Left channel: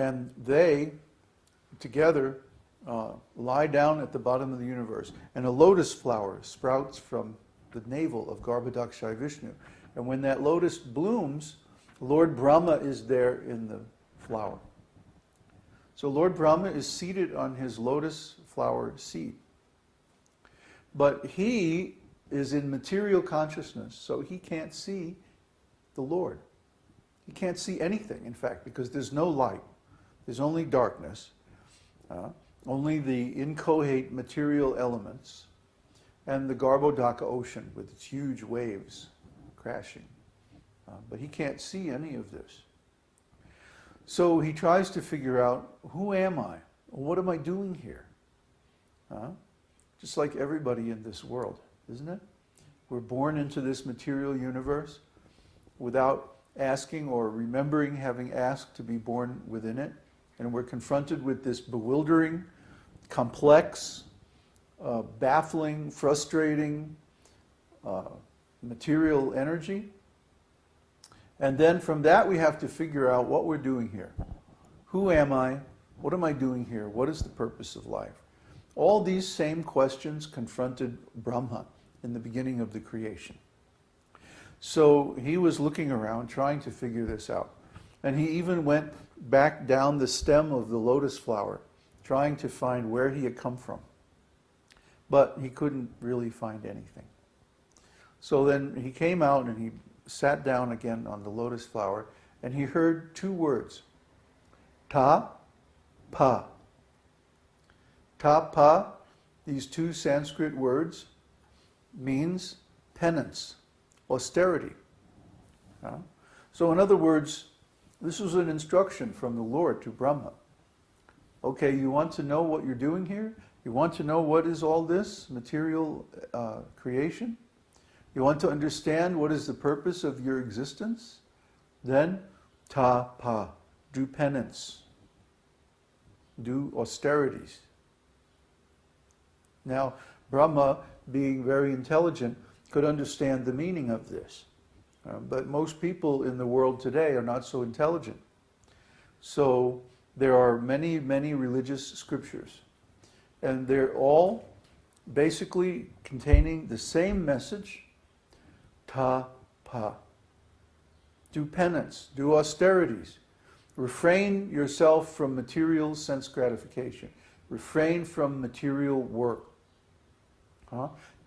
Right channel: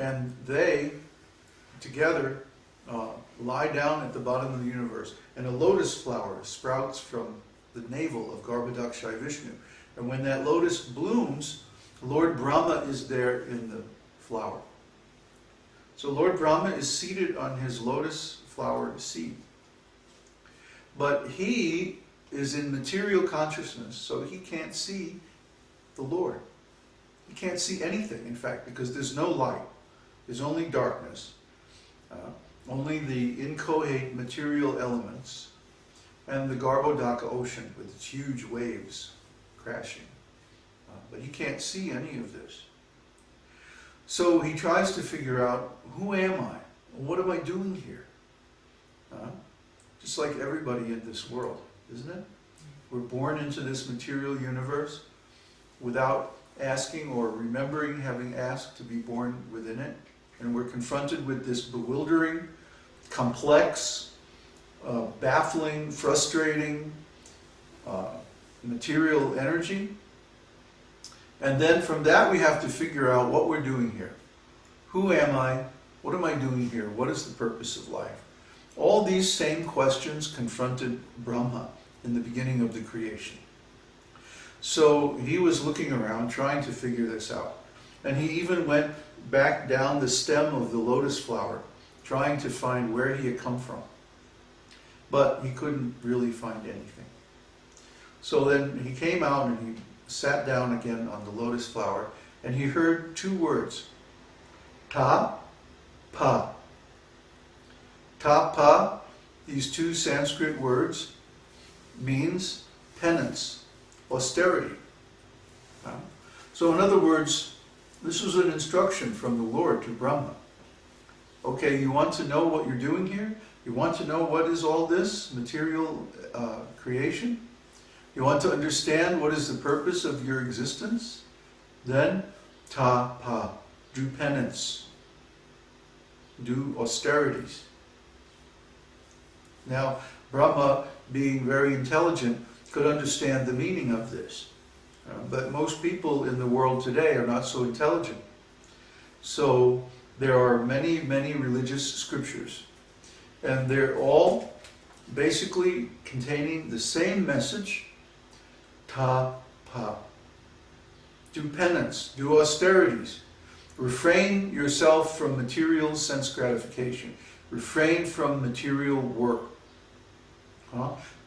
And they, together, lie down at the bottom of the universe. And a lotus flower sprouts from the navel of Garbhodakṣayi Vishnu. And when that lotus blooms, Lord Brahma is there in the flower. So Lord Brahma is seated on his lotus flower seat. But he is in material consciousness, so he can't see the Lord. He can't see anything, in fact, because there's no light. There's only darkness. Only the inchoate material elements and the Garbhodaka ocean with its huge waves crashing. But he can't see any of this. So he tries to figure out, who am I? What am I doing here? Just like everybody in this world, isn't it? We're born into this material universe without asking or remembering having asked to be born within it. And we're confronted with this bewildering, complex, baffling, frustrating material energy. And then from that we have to figure out what we're doing here. Who am I? What am I doing here? What is the purpose of life? All these same questions confronted Brahma in the beginning of the creation. So he was looking around trying to figure this out. And he even went back down the stem of the lotus flower, trying to find where he had come from. But he couldn't really find anything. So then he came out and he sat down again on the lotus flower, and he heard two words, ta, pa. Ta, pa, these two Sanskrit words, means penance, austerity. So in other words, this was an instruction from the Lord to Brahma. Okay, you want to know what you're doing here? You want to know what is all this material creation? You want to understand what is the purpose of your existence? Then, ta, pa, do penance, do austerities. Now, Brahma, being very intelligent, could understand the meaning of this. But most people in the world today are not so intelligent. So there are many, many religious scriptures. And they're all basically containing the same message, ta, pa. Do penance, do austerities. Refrain yourself from material sense gratification. Refrain from material work.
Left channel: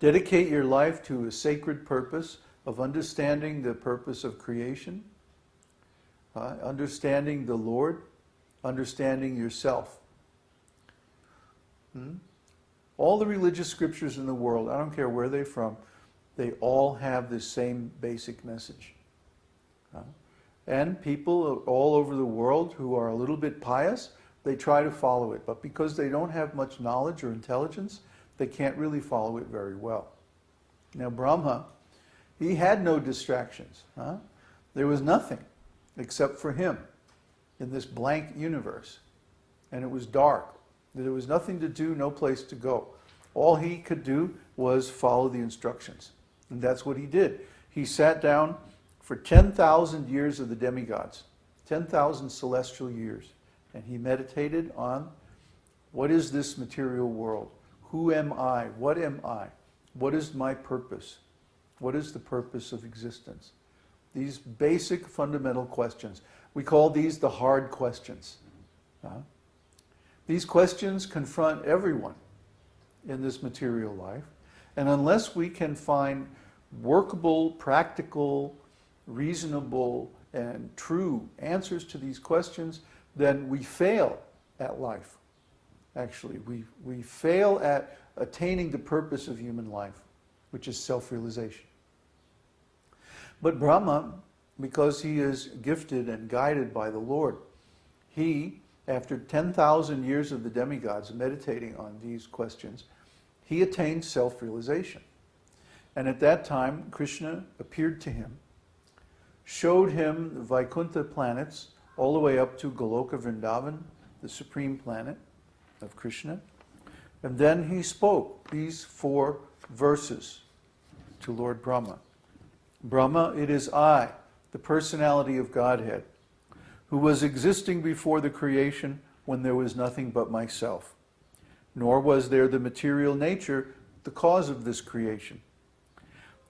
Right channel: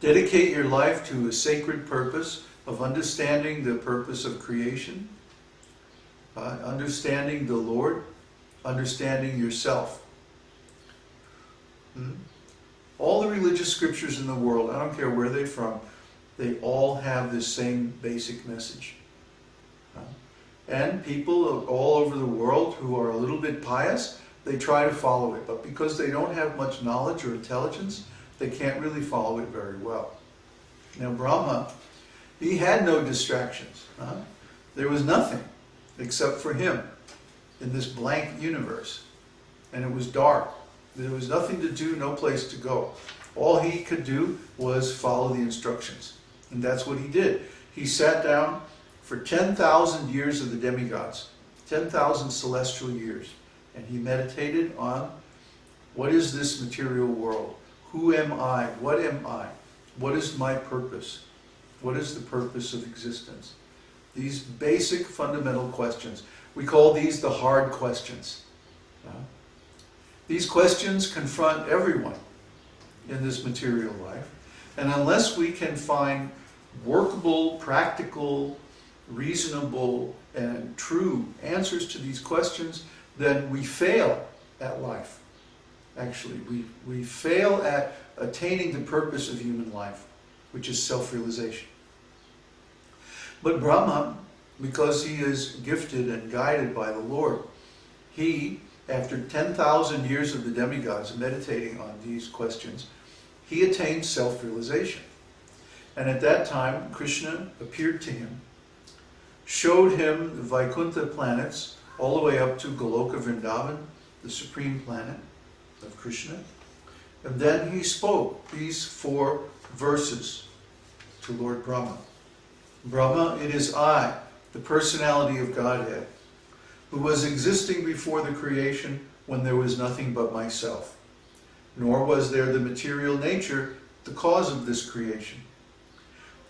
Dedicate your life to a sacred purpose of understanding the purpose of creation, understanding the Lord, understanding yourself. All the religious scriptures in the world, I don't care where they're from, they all have this same basic message. And people all over the world who are a little bit pious, they try to follow it. But because they don't have much knowledge or intelligence, they can't really follow it very well. Now Brahma, he had no distractions. There was nothing except for him in this blank universe. And it was dark. There was nothing to do, no place to go. All he could do was follow the instructions. And that's what he did. He sat down for 10,000 years of the demigods, 10,000 celestial years. And he meditated on, what is this material world? Who am I? What am I? What is my purpose? What is the purpose of existence? These basic fundamental questions. We call these the hard questions. These questions confront everyone in this material life. And unless we can find workable, practical, reasonable, and true answers to these questions, then we fail at life. Actually, we fail at attaining the purpose of human life, which is self-realization. But Brahma, because he is gifted and guided by the Lord, he, after 10,000 years of the demigods meditating on these questions, he attained self-realization. And at that time, Kṛṣṇa appeared to him, showed him the Vaikuntha planets, all the way up to Goloka Vrindavan, the supreme planet of Kṛṣṇa. And then he spoke these 4 verses to Lord Brahma. Brahma, it is I, the personality of Godhead, who was existing before the creation when there was nothing but myself. Nor was there the material nature, the cause of this creation.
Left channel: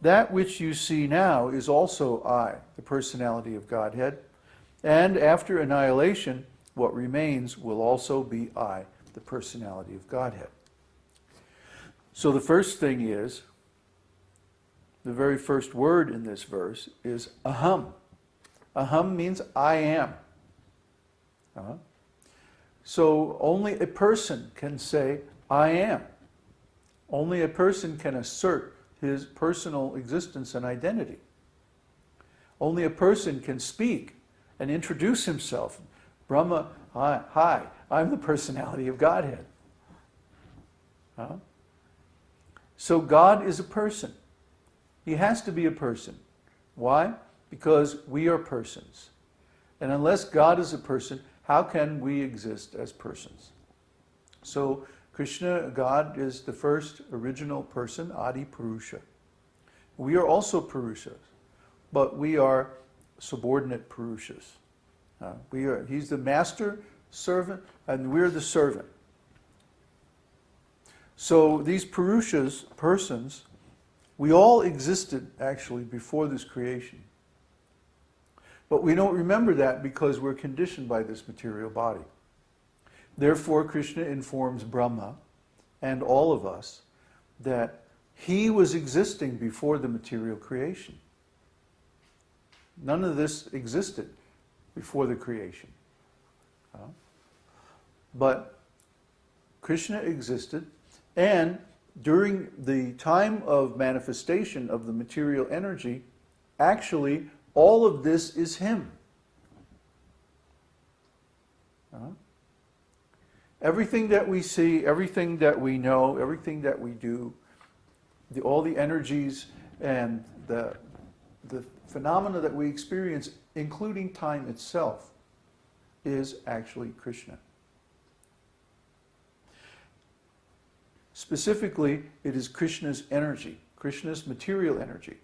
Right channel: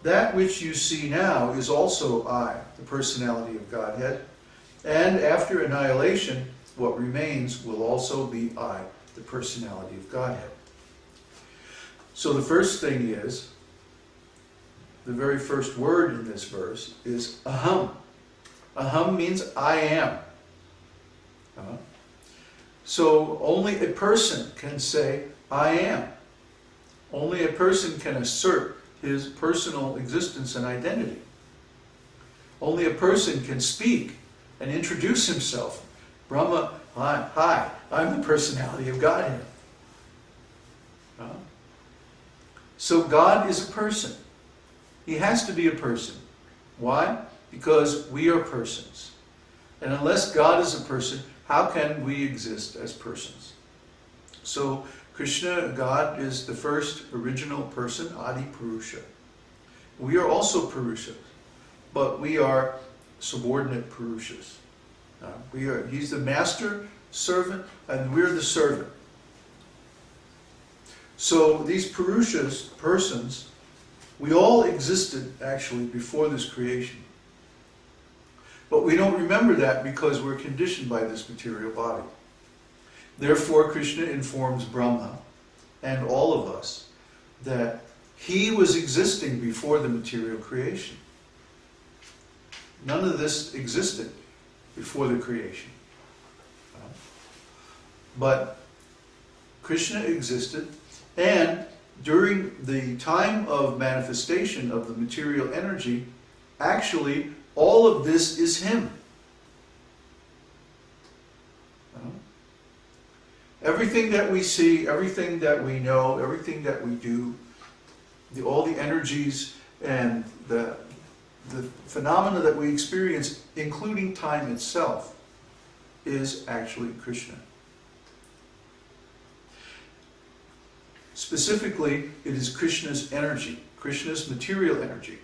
That which you see now is also I, the personality of Godhead, and after annihilation, what remains will also be I, the personality of Godhead. So the first thing is, the very first word in this verse is aham. Aham means I am. So only a person can say, I am. Only a person can assert his personal existence and identity. Only a person can speak and introduce himself. Brahmā, hi, I'm the personality of Godhead. So God is a person. He has to be a person. Why? Because we are persons. And unless God is a person, how can we exist as persons? So Kṛṣṇa, God, is the first original person, Adi Purusha. We are also Purushas, but we are subordinate Purushas. He's the master servant, and we're the servant. So these Purushas, persons, we all existed actually before this creation. But we don't remember that because we're conditioned by this material body. Therefore, Kṛṣṇa informs Brahmā and all of us that he was existing before the material creation. None of this existed before the creation. But Kṛṣṇa existed, and during the time of manifestation of the material energy, actually all of this is him. Everything that we see, everything that we know, everything that we do, all the energies and the phenomena that we experience, including time itself, is actually Kṛṣṇa. Specifically, it is Kṛṣṇa's energy, Kṛṣṇa's material energy.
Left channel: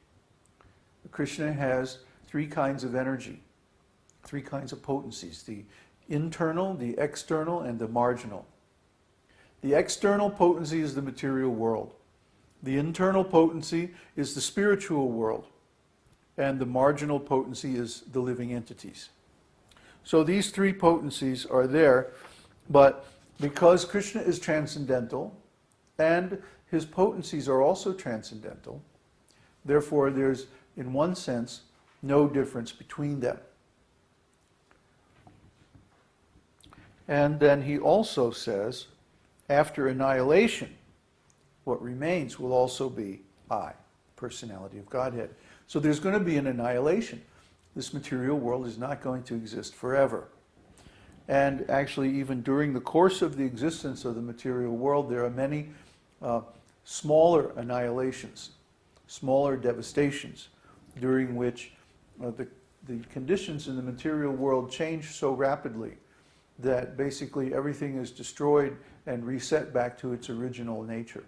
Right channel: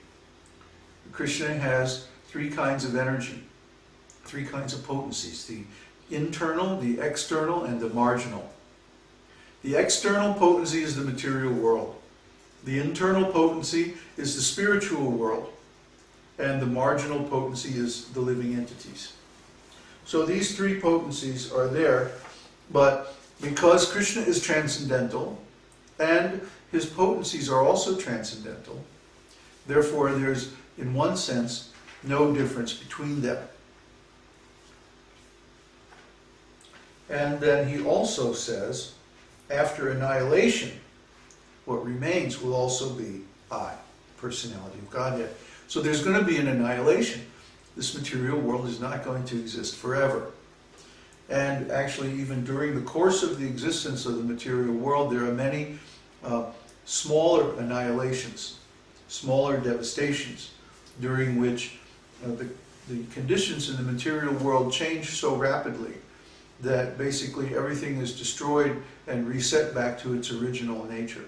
Kṛṣṇa has three kinds of energy, three kinds of potencies: the internal, the external, and the marginal. The external potency is the material world. The internal potency is the spiritual world. And the marginal potency is the living entities. So these three potencies are there, but because Kṛṣṇa is transcendental, and his potencies are also transcendental, therefore there's, in one sense, no difference between them. And then he also says, after annihilation, what remains will also be I, personality of Godhead. So there's going to be an annihilation. This material world is not going to exist forever. And actually, even during the course of the existence of the material world, there are many smaller annihilations, smaller devastations, during which the conditions in the material world change so rapidly that basically everything is destroyed and reset back to its original nature.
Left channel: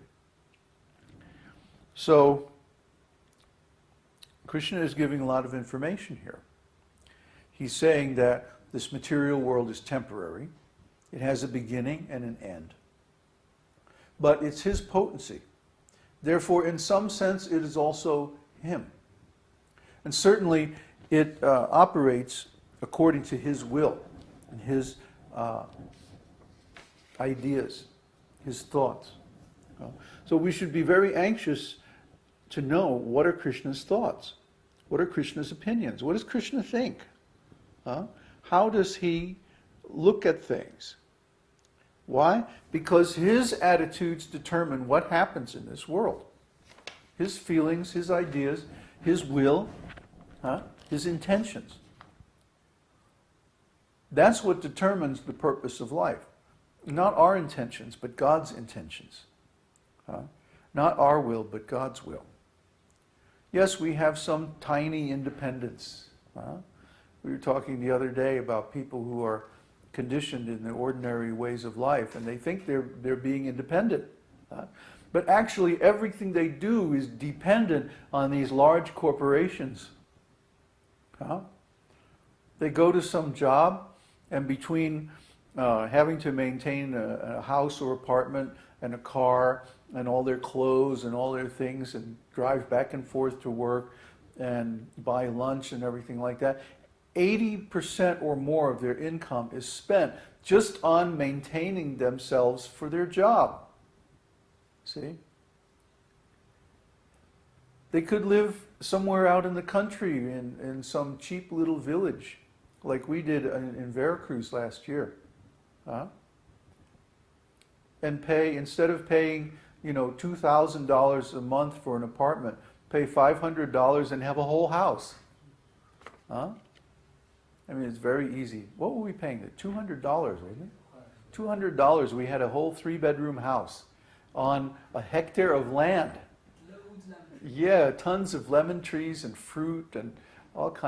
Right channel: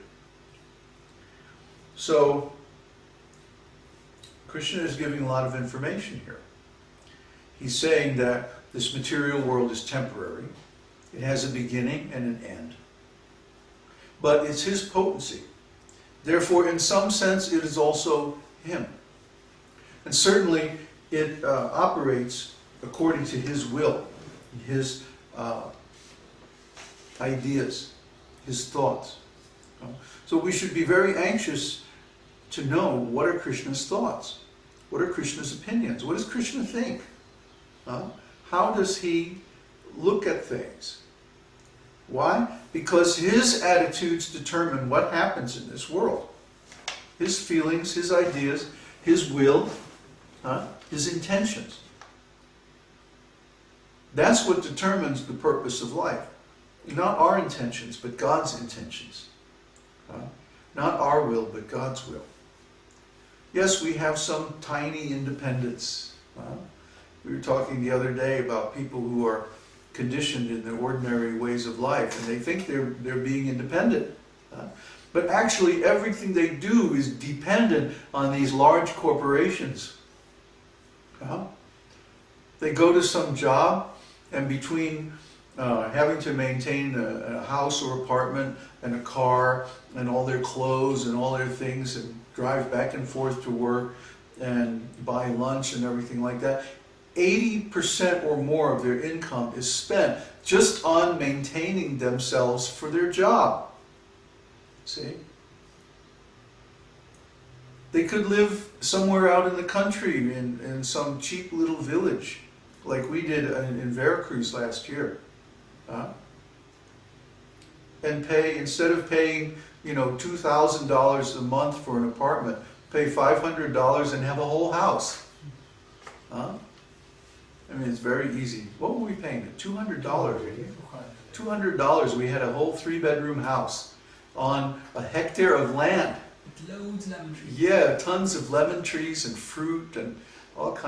So Kṛṣṇa is giving a lot of information here. He's saying that this material world is temporary. It has a beginning and an end. But it's his potency. Therefore, in some sense, it is also him. And certainly, it operates according to his will, his ideas, his thoughts. So we should be very anxious to know what are Kṛṣṇa's thoughts, what are Kṛṣṇa's opinions, what does Kṛṣṇa think? How does he look at things? Why? Because his attitudes determine what happens in this world. His feelings, his ideas, his will, his intentions. That's what determines the purpose of life. Not our intentions, but God's intentions. Not our will, but God's will. Yes, we have some tiny independence. We were talking the other day about people who are conditioned in the ordinary ways of life, and they think they're being independent. But actually, everything they do is dependent on these large corporations. They go to some job, and between having to maintain a house or apartment and a car and all their clothes and all their things and drive back and forth to work and buy lunch and everything like that, 80% or more of their income is spent just on maintaining themselves for their job. See? They could live somewhere out in the country in some cheap little village, like we did in Veracruz last year. And pay, instead of paying, $2,000 a month for an apartment, pay $500 and have a whole house. I mean, it's very easy. What were we paying? $200. $200, we had a whole 3-bedroom house on a hectare of land. With loads of lemon trees. Yeah, tons of lemon trees and fruit and all kinds.